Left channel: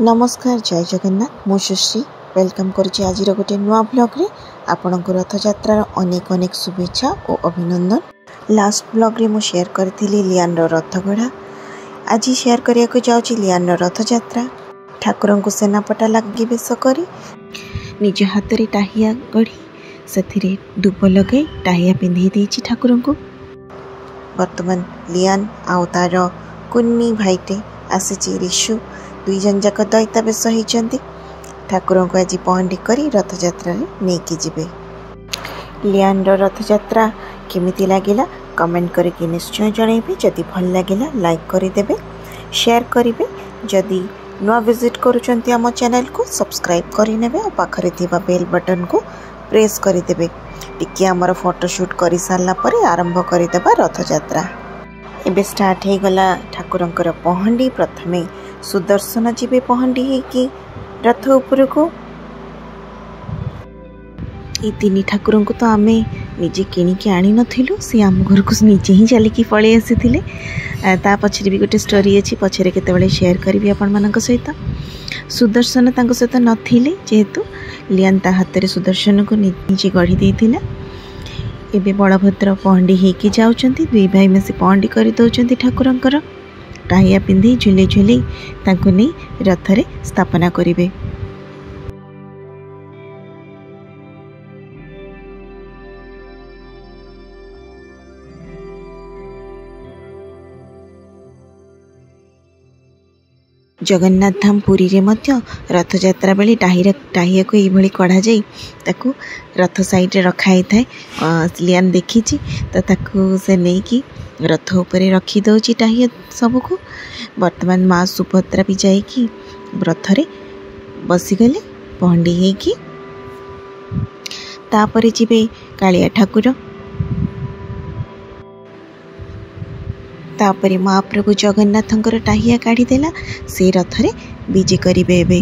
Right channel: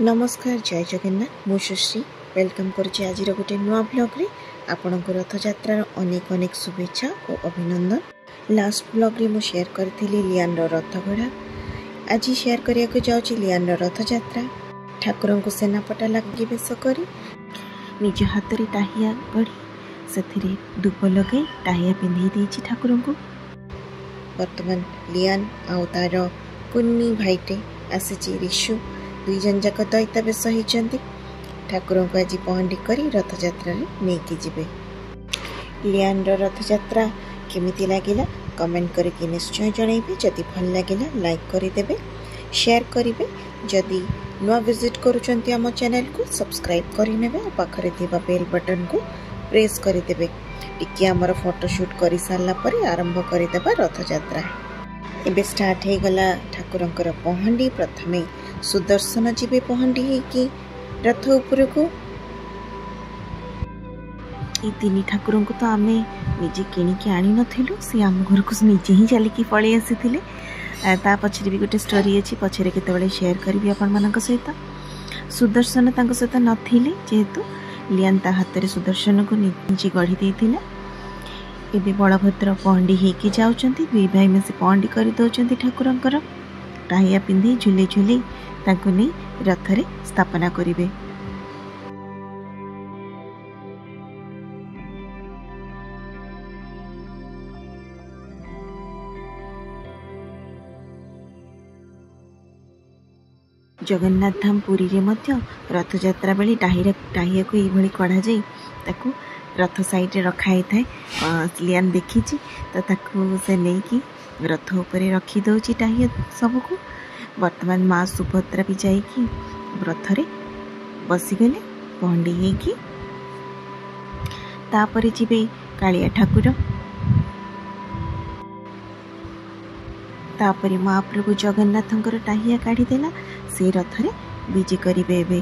नमस्कार जय जगन्नाथ मु सुश्री वेलकम करुच्ची आज गोटे नुआ ब्लॉग रे आपणक रथयात्रार अनेक अनेक शुभेच्छा और अभिनंदन। लास्ट ब्लॉग रे मु शेयर करथि लियान रथगढ़ा। आज शेयर करिया को जाउची लियान रथयात्रा। ठाकुर को सेनापटा लगी बेश करी निज हाथ रे टाहिया गढ़ी से दुब लगे टाहिया पिंधि देछि ठाकुर को। वर्तमान लियान आउ तार कुन्नी भाईटे आसी ऋषु दुई जन जाक दैता बेश होती ठाकुर को आज पहंडी करी रथयात्रा नहीं जिबे। लियान रथयात्रा केमिति लागिला कमेंट करके निश्चय जनइबे। जदि भल लागिला लाइक करदेवे शेयर करेंगे। जदि नुआ विजिट करुचंती आम चैनल को सब्सक्राइब करनेबे और पाखरे थिबा बेल बटन को प्रेस करदेवे। टिके आमर फोटोशूट कर सारा पर आरंभ करदेबा रथयात्रा। एबे स्टार्ट हो गला ठाकुरंकर पहंडी। प्रथमे सुदर्शन जीवे पहंडी होगी रथ उपर को। ये तीन ठाकुर को तो आम निजे किणिकी आनी नथिलु, सी आम घर को निजे ही चलिकी पलि आसी ता पछरे भी गोटे स्टोरी अच्छी पछरे केतेबेले शेयर करी आपण मानक सहित। सुदर्शन तांको सहित नथिले जेहेतु लियान ता हाथ रे सुदर्शन को निजे गढ़ी देथिला। एबे बलभद्र पहंडी होगी जाउचंती। दुई भाई मिसी पहंडी कर दौरान ठाकुरंकर टाहिया पिंधि झुले झुले तांको नहीं रथरे स्थापना करिवे। जगन्नाथ धाम पुरी रे मध्य रथयात्रा बेले टाहिया को ये कढ़ा जाई ताकू रथ साइड रे रखाई थाए। लियान देखी तो ताकू से नहीं कि रथ उपरे रखी दौची टाहिया सबको। वर्तमान माँ सुभद्रा भी जाइकी रथरे बसीगले पहंडी होगी। तापर जीवे कालिया ठाकुर। तापर महाप्रभु जगन्नाथंकर टाहिया काढ़ी देला से रथरे विजे करिवे। एबे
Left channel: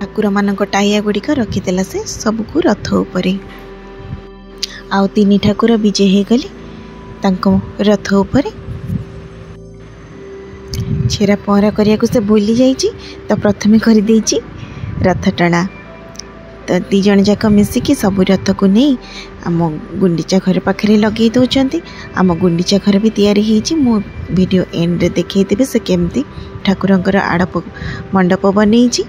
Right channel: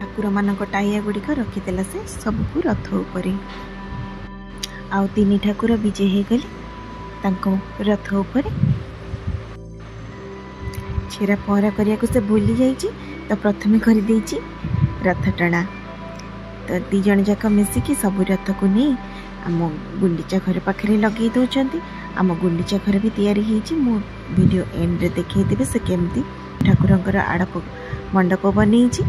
ठाकुर मानक टाहिया गुड़िक रखीदेला से सबको रथ उपरे। आउ तीन ठाकुर विजे हो गले तांको रथ उपरे। छेरा पहरा करिया से भूली जाइए तो प्रथमे कर देइछि रथ टଣା। तो दी जन जाक मिसिकी सब रथ को नहीं आम गुंडीचा घर पाखे लगे दौरान। आम गुंडीचा घर भी तैयारी होइछि। मो वीडियो एंड देखै देबे से केमती ठाकुरंकर आड़प मंडप बनैछि।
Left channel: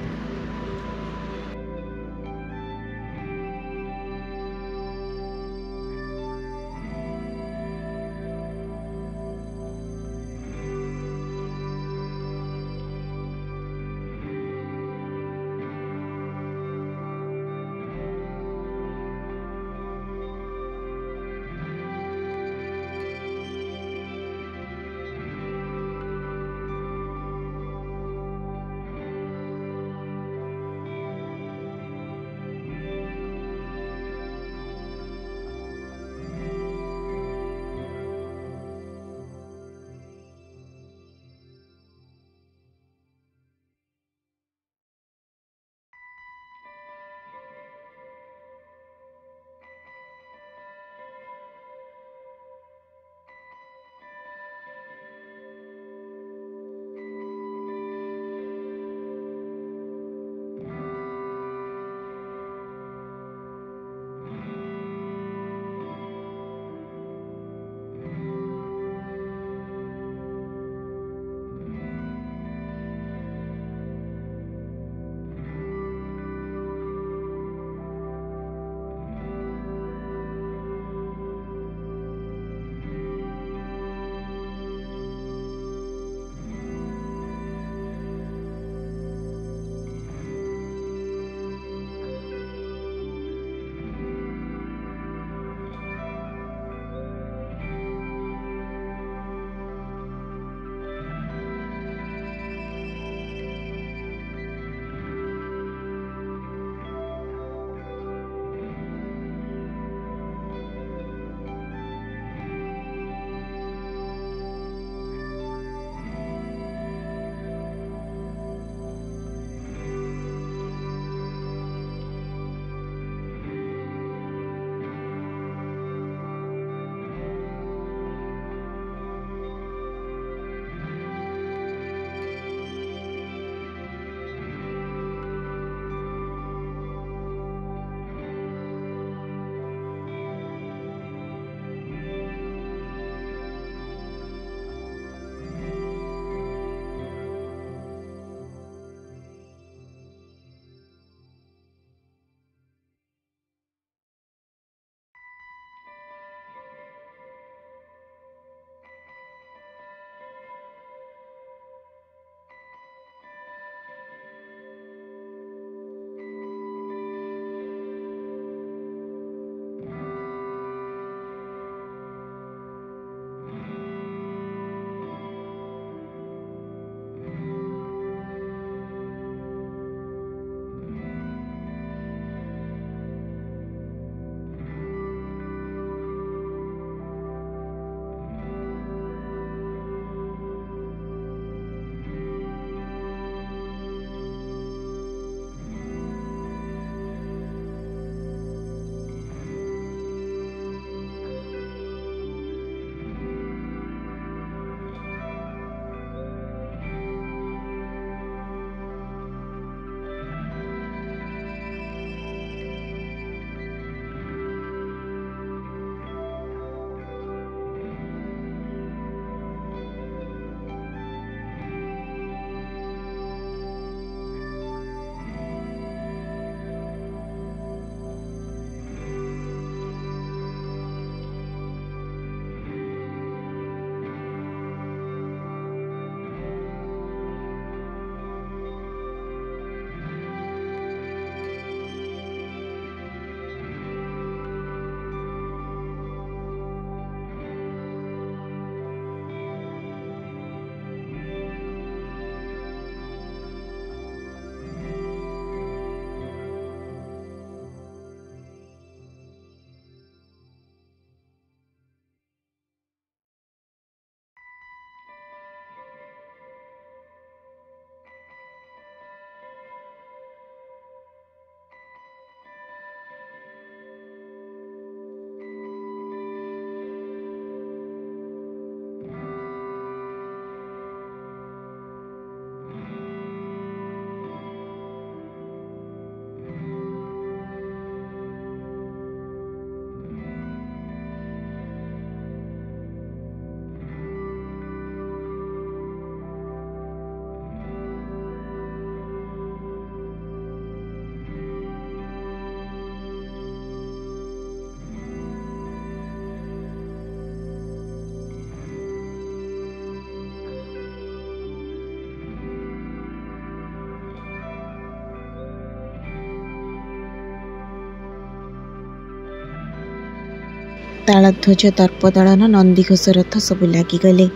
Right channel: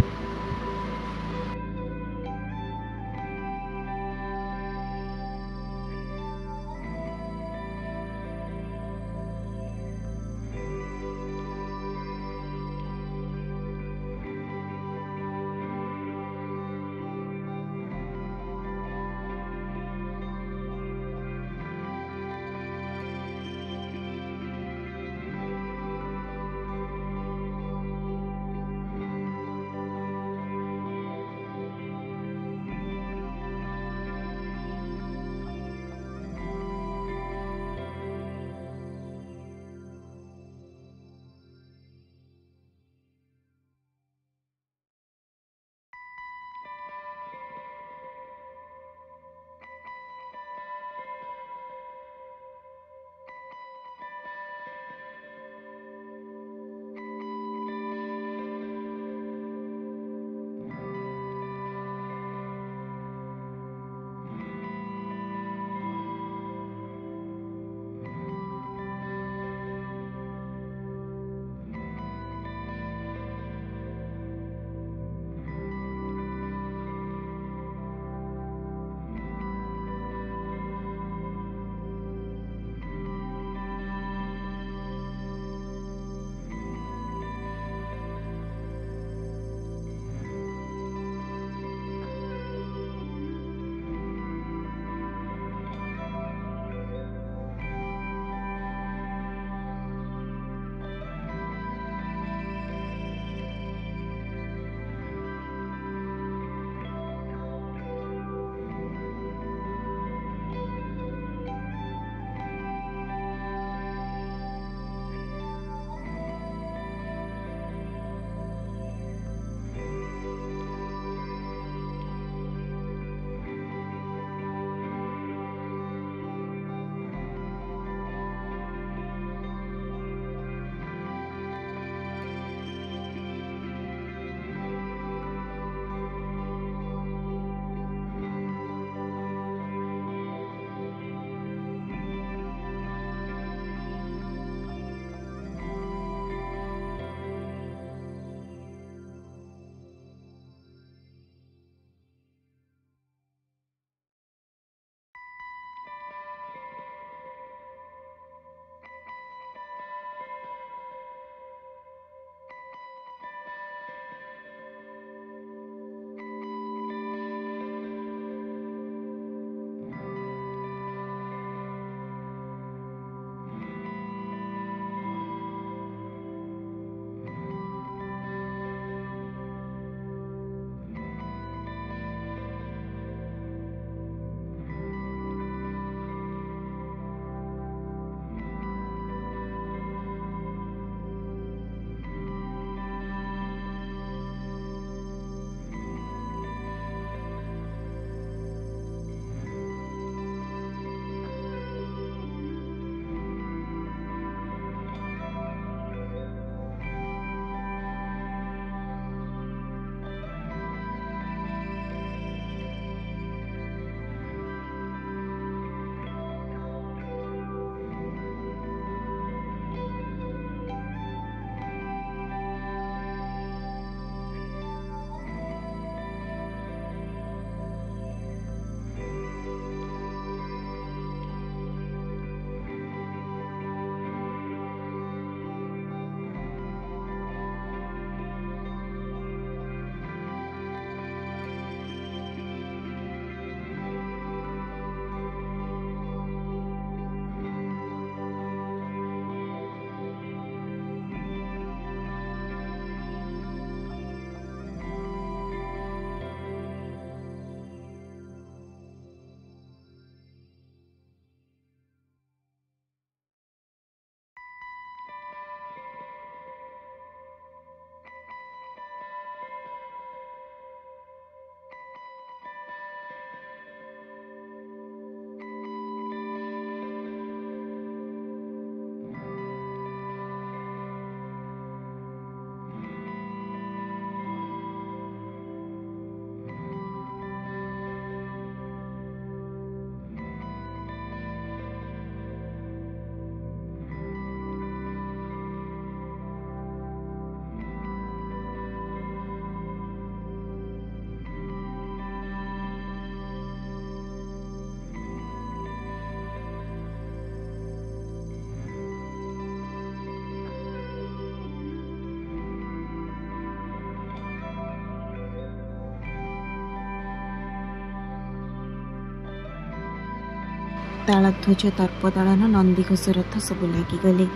तालध्वज दर्पदलन नंदीघोष रथ सब लगिगले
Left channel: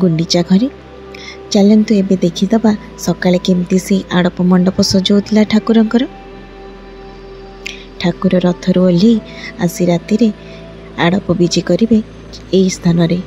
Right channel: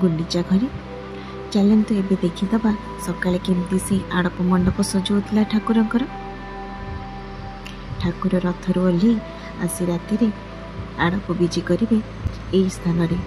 गुंडीचा घरे। चलतु एबे देखीदबा सकाळे केमती से आड़प मंडप सजाउला ठाकुरंकर। ठाकुर रथरू ओह्लि आसी राति आड़प विजे करिवे एई स्थान रे।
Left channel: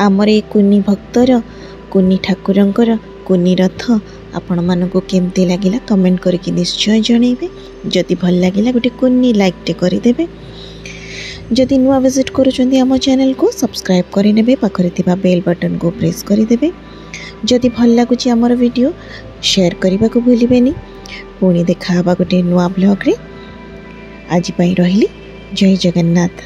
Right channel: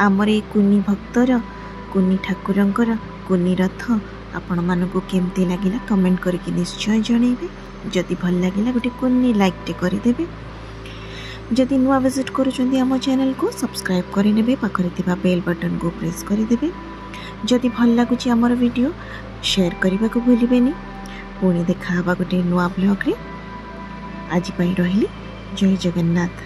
आमर ए कुनी भक्तर कुनी ठाकुरंकर कुनी रथ आपण मानक केमती लगिला कमेंट करके निश्चय जनइबे। जदि भल लगिला गोटे कुनी लाइक टे करदेबे। जदि नुआ विजिट करूछंती आम चैनल को सब्सक्राइब करिनेबे। पाखरे थिबा बेल बटन को प्रेस करिदेबे। जदि भल लागुची आमर वीडियो शेयर करबा को भूलिबेनी। पुणी देखा हबा गोटे नुआ ब्लॉग रे। आज पई रहिली। जय जगन्नाथ।